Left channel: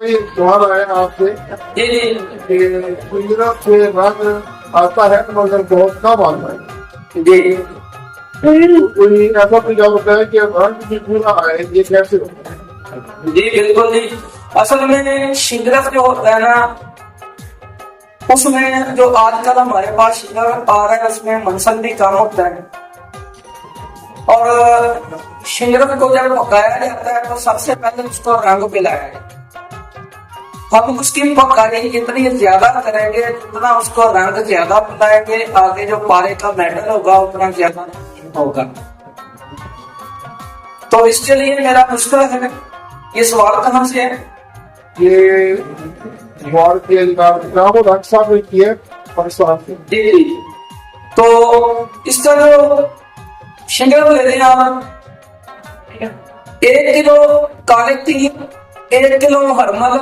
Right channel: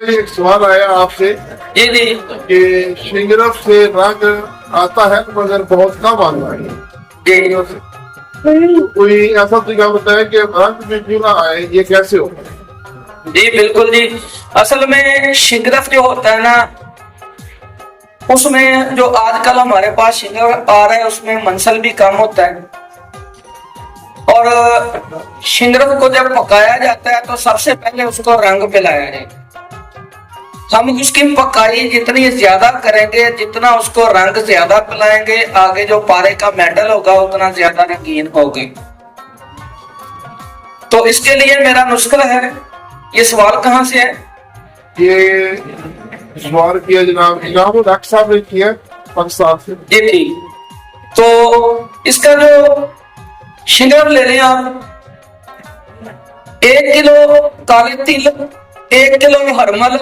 एक सवाल आया आपसे जी जी कि शिंगरफ से रंग आता है मगर बहुत कम आता है। जी कोई ऐसा तरीका बताया कि रंग में क्यों ना आए, ये कैसे हो? जी बिल्कुल जी। असल में शिंगरफ जो होता है ना, उसमें जो आजकल हमारे पास शिंगरफ आ रहा है उसमें मंसल भी कम होता है। और शिंगरफ को जब पकाया जाता है तो सबसे पहले उसको रंग पिलाया जाए। हम उसकी पकाई जितनी ज्यादा करेंगे, जितना उसको रंग ज्यादा पिलाएंगे, आगे जो पारे का मेटल होगा उतना ज्यादा रंगीन होगा। तो इसके लिए मेरा नुस्खा है। ये सवाल कहाँ से है? ये सवाल किया जनाब डॉक्टर साहब ने किया पाकिस्तान से। जी ठीक। तो इसका जो शिंगरफ ले लें आप, 1 किलो काले तिल, 1 किलो हरमल,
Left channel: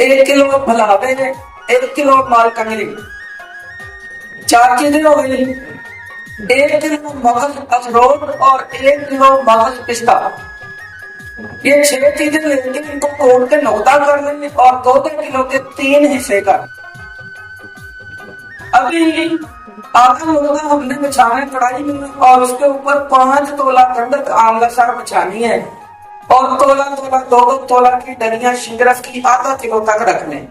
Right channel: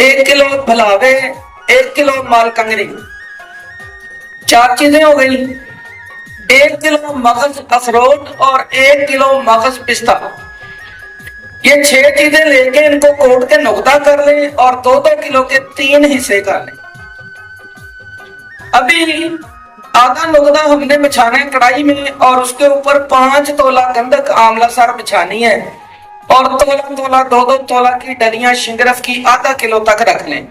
1 किलो फलावे, 1 किलो मालकंगरी, 4 चीजें हो गई। 1 किलो मगज अखरोट और 1 किलो मगज पिस्ता, ये 6 चीजें लेके इनको कोट के नुकता कर लें और 2-2 किलो के 3 हिस्से कर लें। अभी आधा नुकता हमने बिछाना है कढ़ाई में और उसके ऊपर 5 तोला गंधक आंवला सर बिछानी है और तोला तोला 2-2 तोला की डलियां शिंगरफ की आधा किलो तक रख लें।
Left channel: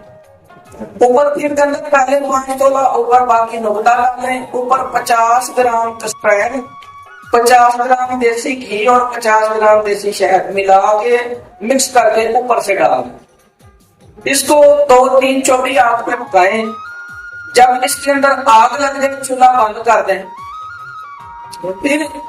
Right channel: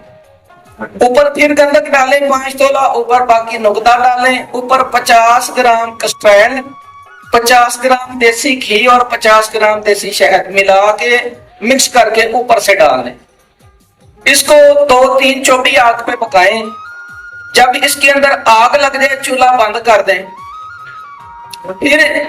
ऊपर फिर गंधक डालें 5 तोला, ऊपर बाकी नुकता डालें, ऊपर 50 ग्राम कस्ट्रैल, 50 ग्राम देसी घी और 50 ग्राम देसी शहद मिला के मिक्स करके ऊपर से डाल दें। इसको 2-3 चौबी आग पे पकाएं। जब इसके अंदर आग लग जाए चूल्हा बंद कर दें, फिर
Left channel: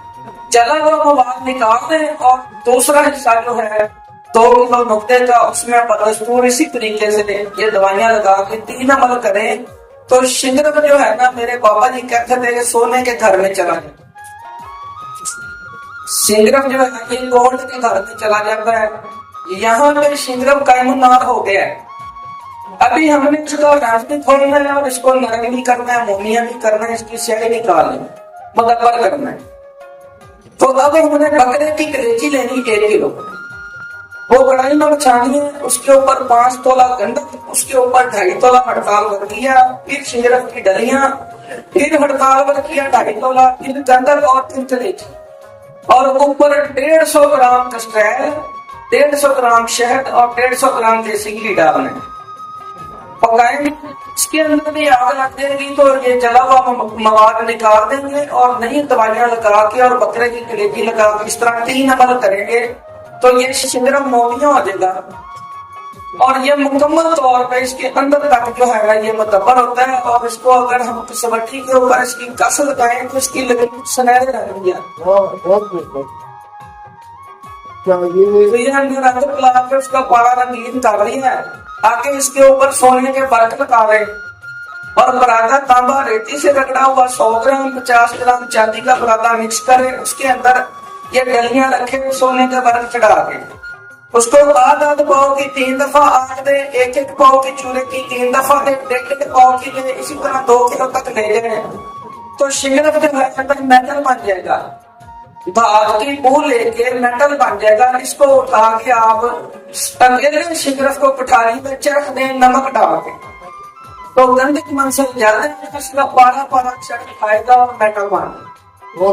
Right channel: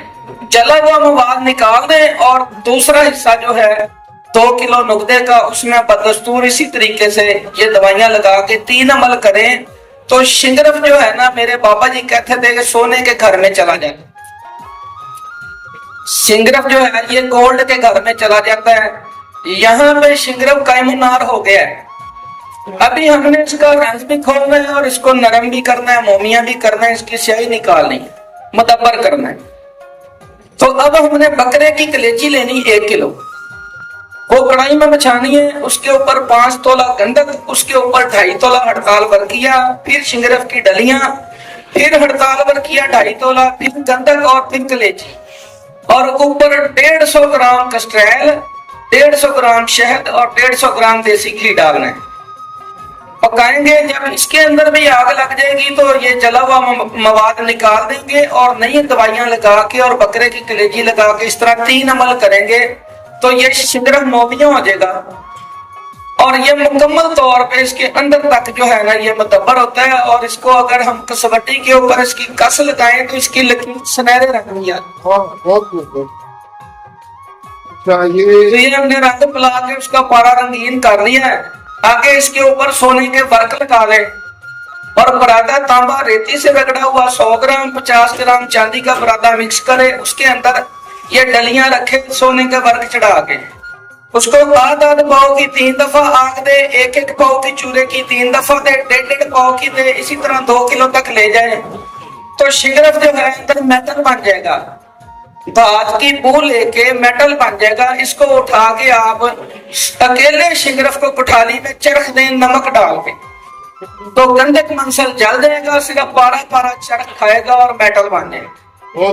जला हुआ मवाद निकाल दें और दूसरा हिस्सा जो है 2 किलो नुकते का, उसमें बदस्तूर इसी तरीके से ये दवाइयां लगा के 3 अमल करें तो शिंगरफ जो है ना, मेरे बाबा जी कहते थे कि सोने के घर में चला जाए। शिंगरफ जो है ये गोल्ड के घर में चला जाता है। यहाँ पे शिंगरफ कायमुनार हो गया है। अभी हमने इसका रस भी खोलना है और इसको नरम भी करना है, मोमिया भी करना है, इसकी स्याही निकालनी है, मुदब्बर करना है। तो अब हमने बकरे की कलेजी लेनी 1 किलो, वो कढ़ाई में बिछानी है, उसके ऊपर 5 तोला गंधक, उसके ऊपर 2.5 तोला हड़ताल बरकिया, फिर शिंगरफ की डलियां, फिर हड़ताल बरकिया 2.5 तोला, फिर गंधक और फिर कलेजी, और ऊपर 150 ग्राम कस्ट्रैल, 150 ग्राम शहद और 150 ग्राम देसी घी डालना है। पकाएंगे। जब इसके अंदर भी आग लग जाएगी तो ये जला हुआ मवाद निकाल देंगे और नई दवाइयां लगा के और बकरे की कलेजी लगा के इस तरह 3 अमल करेंगे तो ये शिंगरफ मोमिया हो जाएगा। और ये मुकम्मल तौर पे इसके अंदर तक जो है ना ये मुदब्बर होता है। और इसको अगर हम कसवटी के ऊपर इसकी कस लगाएं तो इसकी लकीर सुनहरे रंग में ये हमने रंग पिला के उसका पारा रंगीन कर लिया है। आगे इसके ऊपर सोने के वर्क लगा दें और बरादा तांबा रेती से रगड़ा हुआ 100 ग्राम 50 ग्राम चांदी का बरादा मिक्स करें, उसके अंदर ये डलियां रखे सोने के वर्क चढ़ा के उसको आध पाव की 3 दफा आग दे, 1-1 पाव की चूरे की 3 दफा दे, 1.5 पाव की दे, इसी तरह 2 किलो तक ले जाए तो शिंगरफ जो है अंदर मेटल बन जाएगा। धात की बू लेके मेटल बन जाएगा। इसको उठा के आप अकेले शिंगरफ को कुठाली में चरख दें नमक डाल के, तो गंधक मंसल जल जाएगा, सिर्फ पारा पारा चरख खाएगा और मेटल बन जाएगा।